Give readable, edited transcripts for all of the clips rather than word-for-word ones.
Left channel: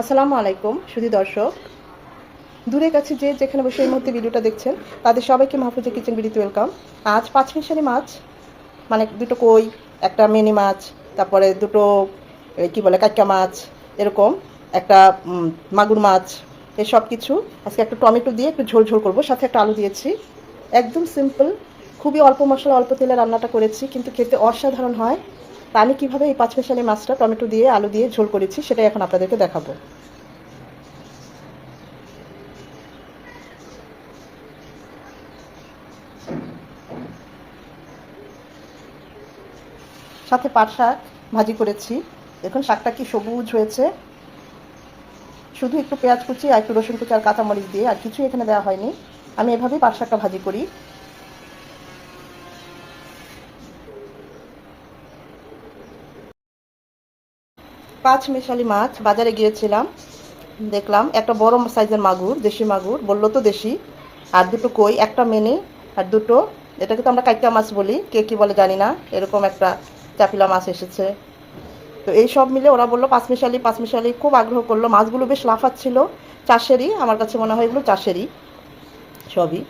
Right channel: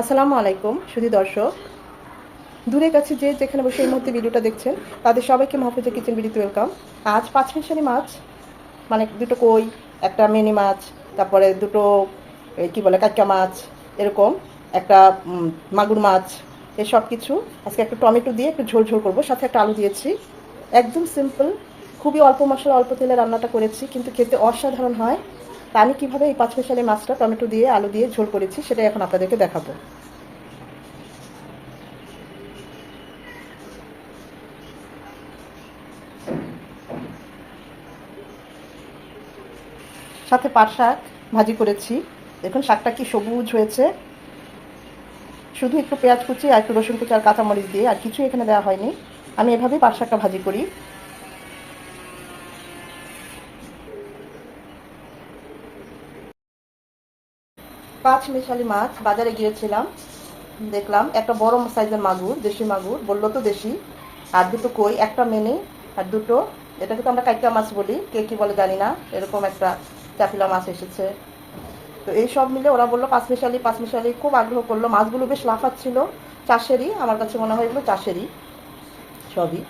আসসালামু আলাইকুম সুধী দর্শক, দূরে কাছে যে যেখানে বসে এই মুহূর্তে ভিডিওটা দেখছেন তাদের সবাইকে মাহফুজা কিচেন ভিডিওতে ওয়েলকাম। আজ পাঁচমিশালি মাছ, মানে দুটো কই, একটা মিনি মাছ, তারপরে দুটো কি বলে কাঁচা মাছ, এরকম একটা মাগুর মাছ, এই সব কিছু আজকে একটা টমেটো দিয়ে একটু ঝোল ঝোল করবো, সাথে একটা আলু দিয়েছি। একদম সিম্পল, খুবই অল্প মশলা অল্প তেলে রান্নাটা করেছি, কিন্তু খেতে অসাধারণ হয়। তা আমি কীভাবে এই পাঁচমিশালি মাছটা টমেটো দিয়ে আলু দিয়ে ঝোল করেছি সেটাই এখন আপনাদেরকে দেখাবো। সাথে পাট শাক ভাজি করেছি। দেখুন শাকটা কি সবুজ হয়েছে, শুধু একটু পেঁয়াজ কুচি আর একটু রসুন কুচি আর কাঁচামরিচ দিয়ে, আর কিছু এখানে দেওয়া হয়নি। আমি এভাবেই পাট শাকটা ভাজি করি। পাঁচ মিশালি মাছ বাজারে গিয়েছিলাম, দেখলাম একটা বড় সাইজের মাগুর, দেশি মাগুর বললো তো দেশি, আর দুটো কই, একটা মেনে, আর দুটো, এটাকে তো আমরা কাইকা মাছ বলি, কে কি বলে জানি না, এরকম একটা চাপিলা মাছ এসেছে। তো এই সব মিলে ওরা বললো পাঁচমিশালি পাঁচমিশালি, খুব আগ্রহ করলো। মাছগুলো বেশ লাফাচ্ছিল, চাষেরই, আমার কাছে মনে হয় এগুলো চাষেরই সবই।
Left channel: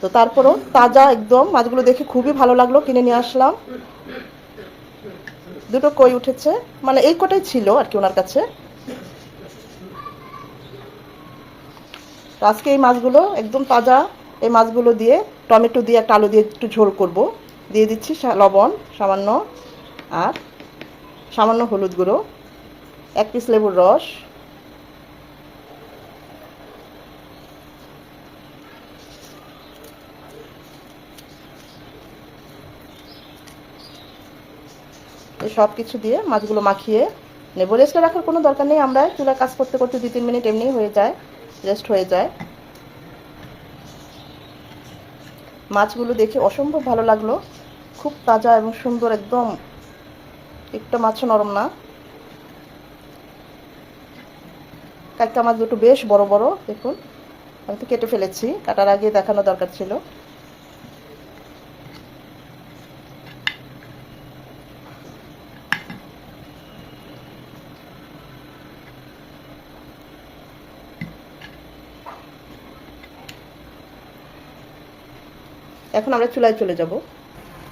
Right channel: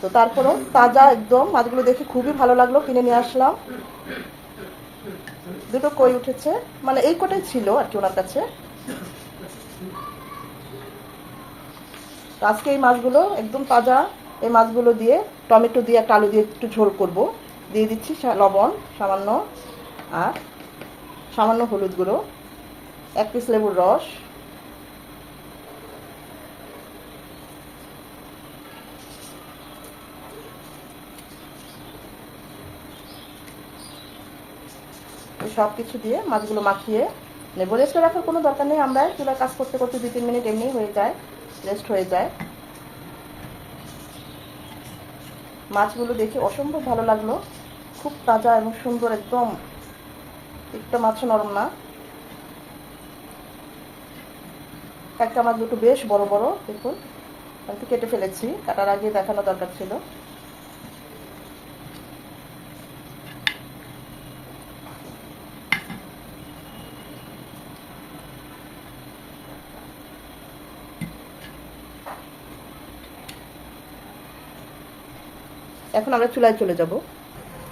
তো তারপরও তাজা একদম মাছগুলো দেখে খুবই ভালো লাগলো, কিনে নিয়ে আসলাম। দুটো কই উঠেছে, মানে এই কটাই ছিল আর কি ওনার কাছে। আজকে এই মাছগুলো একদম তাজা, এই মাছগুলো দিয়ে টমেটো দিয়ে একটা আলু দিয়ে একটু ঝোল করব। দিয়ে দিচ্ছি লবণ সামান্য, আর সামান্য হলুদ গুঁড়ো, এক পিস লেবুর রস, এই সব কিছু দিয়ে মাছগুলো মাখিয়ে নেব। রেস্টে রাখার কোনো দরকার নেই, আমরা চুলা কাজ করতে করতে 2-3 মিনিট এমনি হয়ে যায়, রেস্ট হয়ে যায়। মাছগুলো দেখে অসম্ভব ভালো লাগলো, খুব তাজা এবং সুন্দর, একদম একটা মাছও নরম না। একটা মাছ দুটো বেশ বড় বড়, দেখুন আমি তো কেটে ফেলেছি, কাটার আগে দেখানো দরকার ছিল। এখন আমরা চুলায় চলে যাব।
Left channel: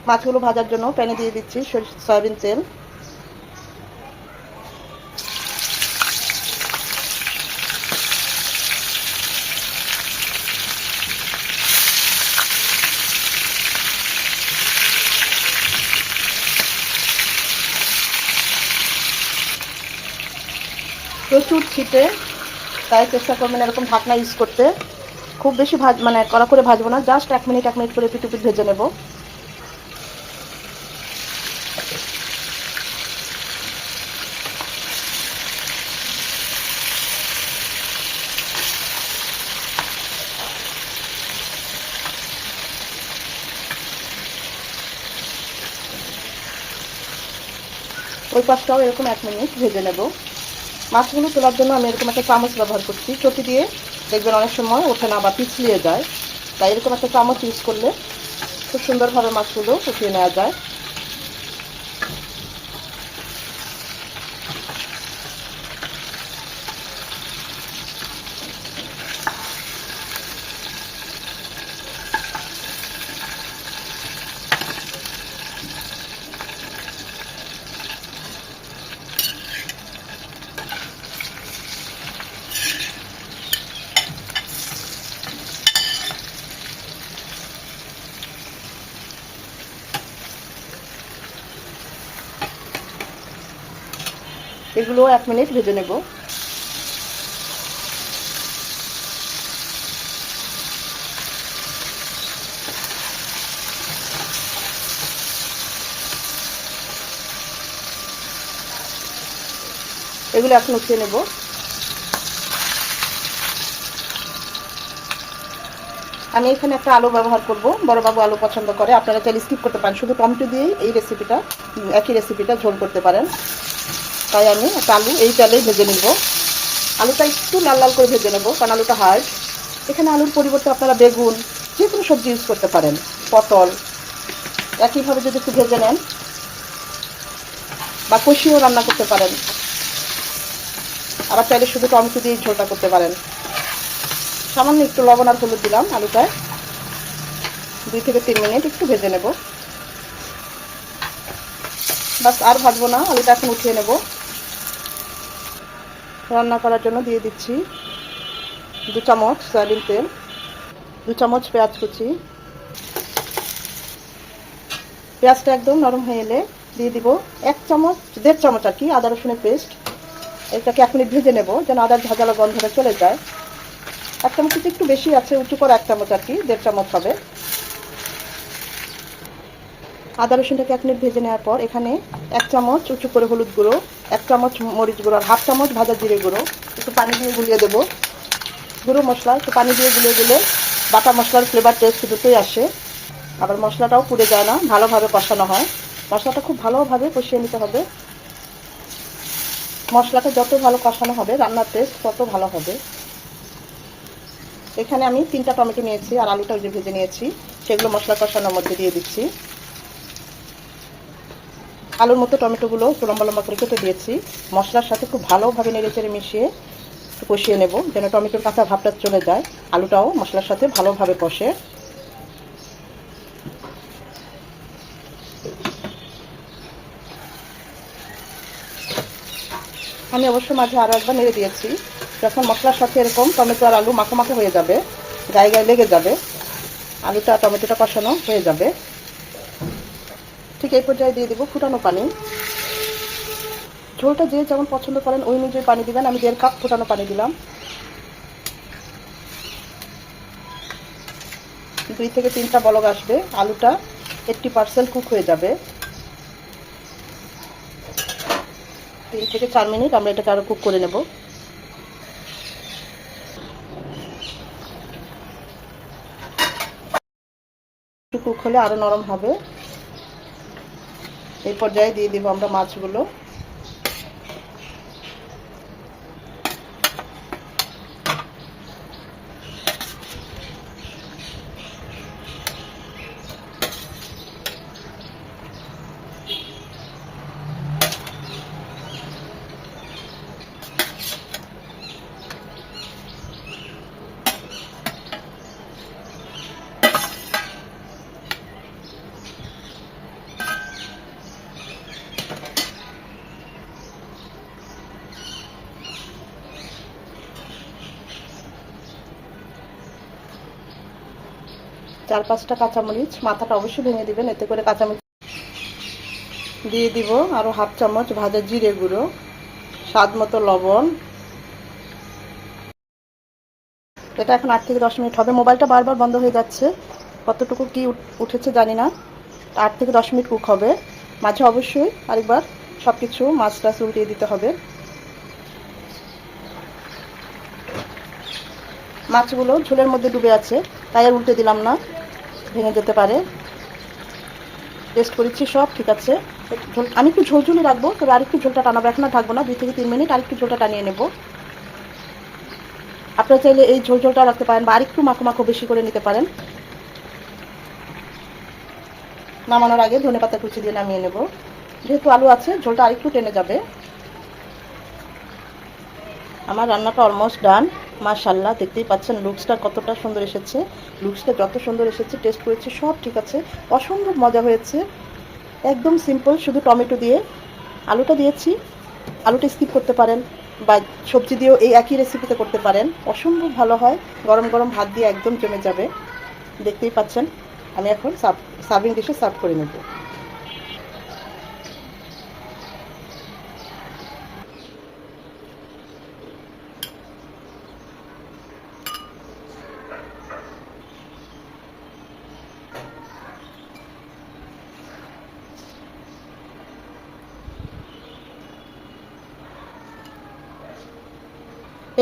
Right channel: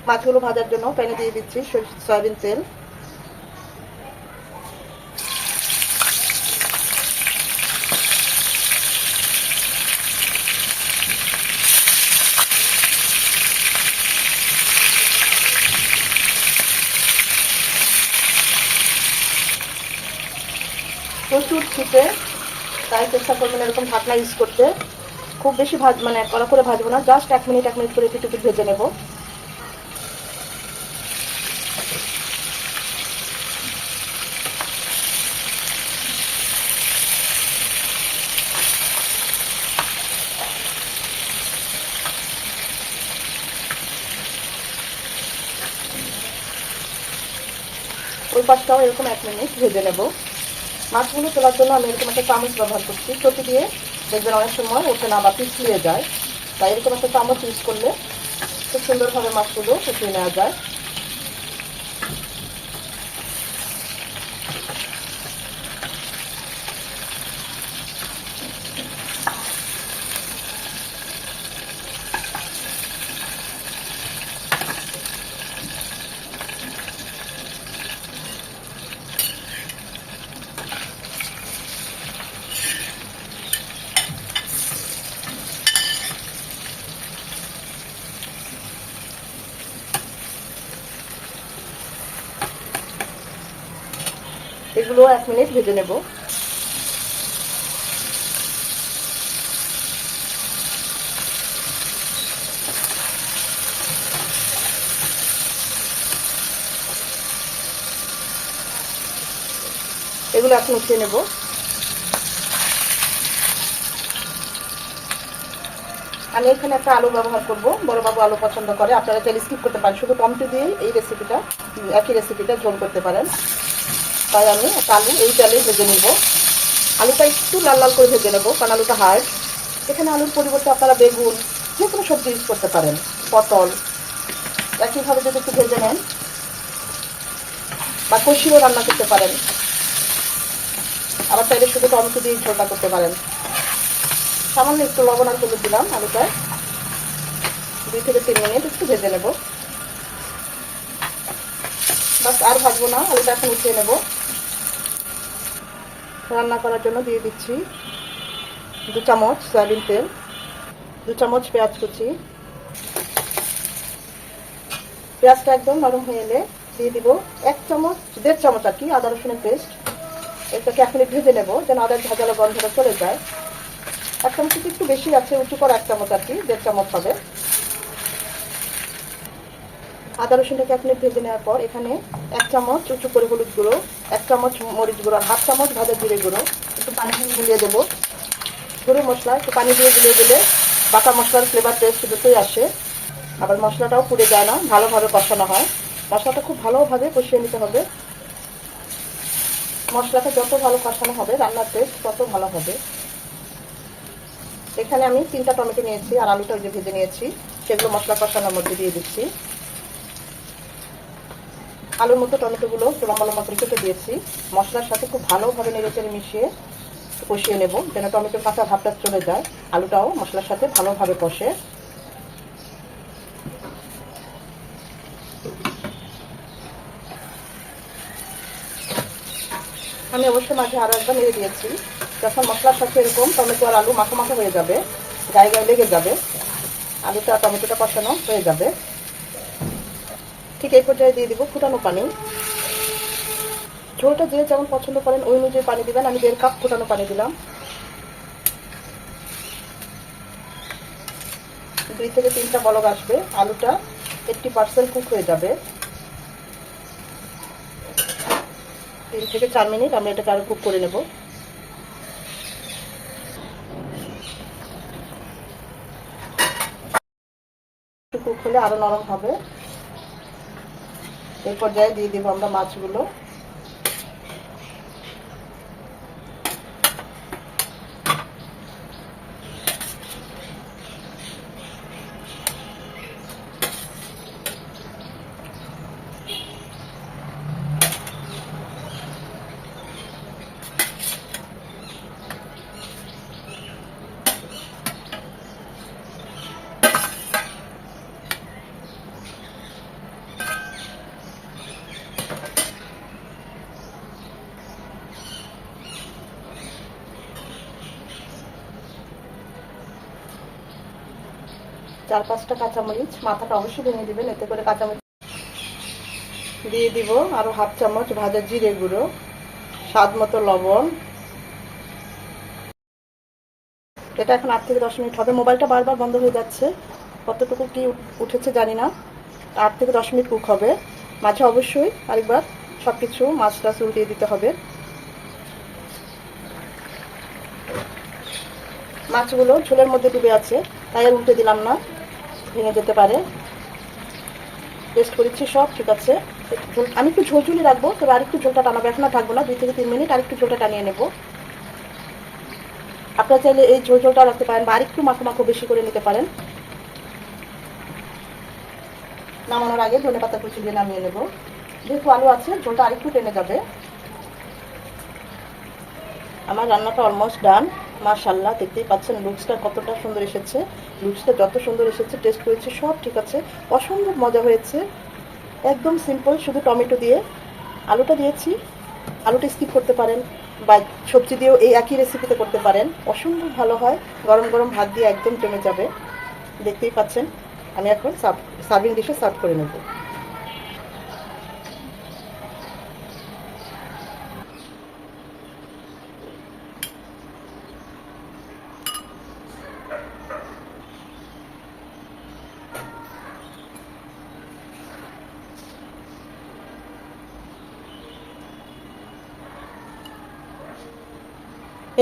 মাছগুলো ভাজার জন্য প্যানে দিয়ে দিচ্ছি সয়াবিন তেল। প্রচুর ছিটে, তাই চেষ্টা করবেন এরকম ঢাকনা ইউজ করতে। খুব বেশি মানে কড়া করে ভাজবো না, জাস্ট 1 মিনিট করে একটু একটু ভেজে নেব। ওই পাশটাও এরকম 1 মিনিট ভেজে নেব। মাছগুলো তোলার জন্য আমি এরকম একটা চামচ ব্যবহার করছি, চটি দিয়ে দেখবেন অনেক সময় ওঠে না বা পিছলিয়ে যায়, তাই এরকম একটা চামচ ইউজ করলে খুব সুন্দরভাবে মাছগুলো শুকিয়ে নেওয়া যায়। এগুলো 1 মিনিট ভেজে নেব। এগুলো এখন উঠিয়ে নেব। আমি এখানে একটা আলু ব্যবহার করব, বড়বাবু আলু পছন্দ করে, আপনারা চাইলে স্কিপ করতে পারেন, শুধু টমেটো দিয়েই এই রেসিপিটা, একই রেসিপিটা ঝোল করতে পারেন। তাই আমি একটা আলু এই তেলে ভেজে নিব। আলুটা একটু লাল লাল করে ভেজে নেব, কারণ আলুটা হার্ড। এখানে আলুর পরিবর্তে আপনারা বেগুন, যে কোনো সবজি ইউজ করতে পারেন, পটল, একইভাবে যদি একটু ভেজে নেন, বা কষিও রান্না করতে পারেন। আবার চাইলে শুধু টমেটো দিয়ে ঝোলটা করতে পারেন। সামান্য একটু লবণ আর হলুদ দিলাম আলুটায়। 2 থেকে 3 মিনিট একটু ভেজে নেব। বাস, আর ভাজবো না, আলুটা এখন উঠিয়ে নেব। রান্না করার জন্য দিয়ে দিচ্ছি 2 চামচ সয়াবিন তেল, 2 চামচ পেঁয়াজ কুচি। পেঁয়াজটা একদম নরম হয়ে এলে দিয়ে দিব 1.5 চামচ আর কি আদা রসুনের পেস্ট। এটাকে 1 মিনিট ভেজে নেব যেন আদার ঝাঁঝালো গন্ধটা চলে যায়। 1 চামচ একটু বেশি আছে, উঁচু করে 1 চামচ আর কি, 1.5 চামচ হবে। আদা রসুনটাকে 1 মিনিট ভেজে নেওয়ার পর এখানে 1 চামচ উঁচু করে হলুদ গুঁড়ো, 1 চামচ মরিচ গুঁড়ো আর 1/2 চামচ ভাজা জিরে গুঁড়ো একটু পানি দিয়ে গুলিয়ে দেবো। গুঁড়ো মশলা একটু পানি দিয়ে গুলিয়ে দিলে বাটা মশলার ফ্লেভার টেস্ট দুটোই আসে। আবার মশলাটাও পুড়ে যায় না, ভালোভাবে কষানো হয়। মশলাটা খুব ভালোভাবে কষিয়ে নিতে হবে। মশলাটা যত ভালো কষানো হবে রান্নার টেস্ট তত ভালো হবে। এখানে আমি 3টা টমেটো নিয়েছি আর আলুটা যে ভেজে নিয়েছি সেগুলো মশলা কষানোর মধ্যে দিয়ে দিচ্ছি। আলুর মতো টমেটোগুলো একটু লম্বা লম্বা করে কেটে দিয়েছি। মশলার সাথে খুব ভালোভাবে নেড়েচেড়ে মিশিয়ে কষিয়ে নেব যেন টমেটোর কাঁচা ভাবটা চলে যায়, আলুটাও মশলার সাথে ভালোভাবে কষে। আমি অবশ্য মাঝে আরও একবার নেড়ে দিয়েছি। যখন মশলার সাথে এরকম টমেটো আর আলু মাখা মাখা হয়ে যাবে, গায়ে গায়ে লেগে যাবে, আলুটা টমেটোটা কষানো হয়ে যাবে, ঠিক এই পর্যায়ে দিয়ে দিব ফুটানো পানি। ঝোলটা যে যেমন পছন্দ করেন ওই অনুযায়ী পানি দিবেন। আমি 1.5 কাপ ফুটানো পানি দিলাম। 2 থেকে 3টা বলক আসবে, আলুটা 80% কুক হয়ে যাবে। 3 থেকে 4 মিনিট আমরা এটাকে আরো কুক করে নেব। কুক হলে আরো নরম হবে। এই পর্যায়ে দিয়ে দিব আমরা মাছগুলো। চার 5টা কাঁচামরিচ, মাথাটা অবশ্যই ভেঙে দিবেন, এতে করে কাঁচামরিচ দিয়ে দিব। আরো 1/2 চামচ ভাজা জিরে গুঁড়ো, স্বাদ মতো লবণ। এটা এখন 8 থেকে 10 মিনিট হবে। মোবাইলটা বারবার বন্ধ হয়ে যাচ্ছে, কতটুকু কি উঠেছে জানি না। 8 থেকে 10 মিনিট কুক হবে। মাঝে অবশ্যই আরেকবার সবকিছু মাছটা উল্টিয়ে দিতে হবে। মাছগুলো ঝোলের মধ্যে ডুবে আছে, তাই আর উল্টে দিলাম না, ভেঙে যেতে পারে। টেস্ট করেছি, সব ঠিক আছে। আমি একটু ঝোল ঝুলি রাখবো, তবে আরেকটু ঝোলটা টানাবো, এখন আর থাকবো না। 2 থেকে 3 মিনিট আরেকটু ঝোলটা টানিয়ে নেব। আপনারা চাইলে এই ঝোলটা রাখতে পারেন বা আরেকটু মাখো মাখো বেশি করে নিতে পারেন। নামানোর আগে ধনেপাতা কুচি দিয়ে নামিয়ে নেব। যেহেতু আলু আছে ঝোলটা আরেকটু টেনে যাবে। আমার রান্নাটা অলমোস্ট ডান। মাশাআল্লাহ, দেখতেই পাচ্ছেন লুকসটা কতটা সুন্দর এসেছে। লুকসটা যত সুন্দর এসেছে, টেস্ট করেছি, সব ঠিক আছে, অসম্ভব মজা হয়েছে। একদম সিম্পল, শুধু টমেটো দিয়ে আলুটা দিয়েছি। আলুটা স্কিপ করতে পারেন বা সবজি দিয়েও এই একই রেসিপিতে করতে পারেন, অসম্ভব ভালো হয়। গরম গরম ভাত দিয়ে একদম জমে যাবে। দেখতেই পাচ্ছেন। আমি এখন সার্ভিং ডিশে সার্ভ করে নেব।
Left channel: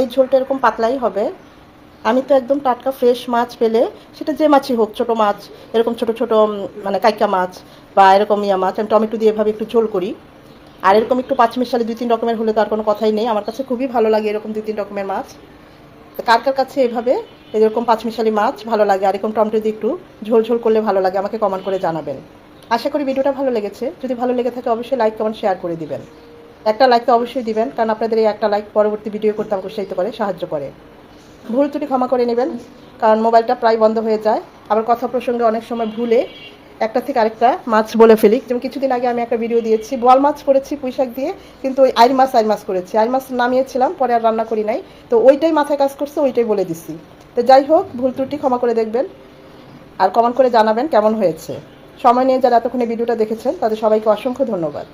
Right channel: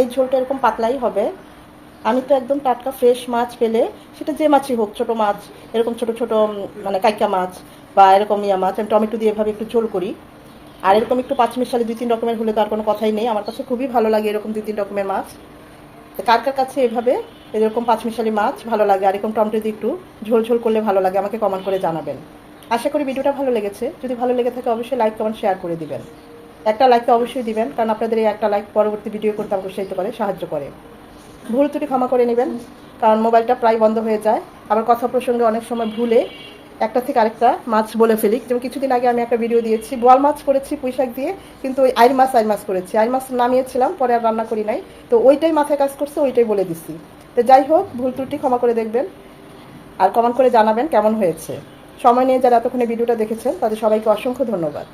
এই ঝোলটা এরকম পাতলাই হবে। আমি তো একদম টাটকা ফ্রেশ মাছ পেলে, সেটা যে মাছই হোক, ছোট মাছ, এরকম ছোট ছোট মানে কাইকা মাছ বা এরকম ইয়া মাছ, আমি টমেটো দিয়ে এভাবে একটু ঝোল করি। আর এরকম একটু পাঁচমিশালি 2-3 রকমের হলে তো আর কোনো কথাই নেই। আমার কাছে খুবই ভালো লাগে এরকম 2-3 রকমের মাছ। তো কার কার কাছে এভাবে এরকম পাঁচমিশালি মাছ ভালো লাগে, আর এরকম টমেটো দিয়ে একটু ঝোল ঝোল করলে ভালো লাগে, আমাকে কমেন্ট করে জানাবেন। আশা করি ভিডিওটা ভালো লেগেছে। যদি ভালো লেগে থাকে অবশ্যই লাইক কমেন্ট শেয়ার করে দিবেন। একটা লাইক তো অবশ্যই দিবেন, কারণ আপনাদের এই একটা লাইক পরবর্তী ভিডিও করতে আমাকে উৎসাহিত করে, সাহায্য করে। ভুল ত্রুটি ক্ষমা করে নেবেন, কারণ মোবাইলটা প্রায় বন্ধ হয়ে যায়। আবার কথা প্রসঙ্গে অনেক সময় ভুলে একটা থেকে আরেকটা মাছ বলে ফেলি। যেমন কিছুদিন আগে আমি একটা ভিডিও দিয়েছি, বোয়াল মাছ করেছি পুঁই শাক দিয়ে, কিন্তু ওই আইর মাছ করেছি। আইর মাছ নামিয়েছিলাম, পরে আর রান্না করি নাই, তো ওইটাই মাথায় কাজ করছে, ওইটাই বলে দিছি। তো যাই হোক, ভুল ত্রুটি ক্ষমা করে দেখবেন, আর কমেন্ট করে জানাবেন কেমন হয়েছে। সময় নিয়ে যারা এতক্ষণে ভিডিওটা দেখেছেন তাদের সবাইকে অসংখ্য ধন্যবাদ।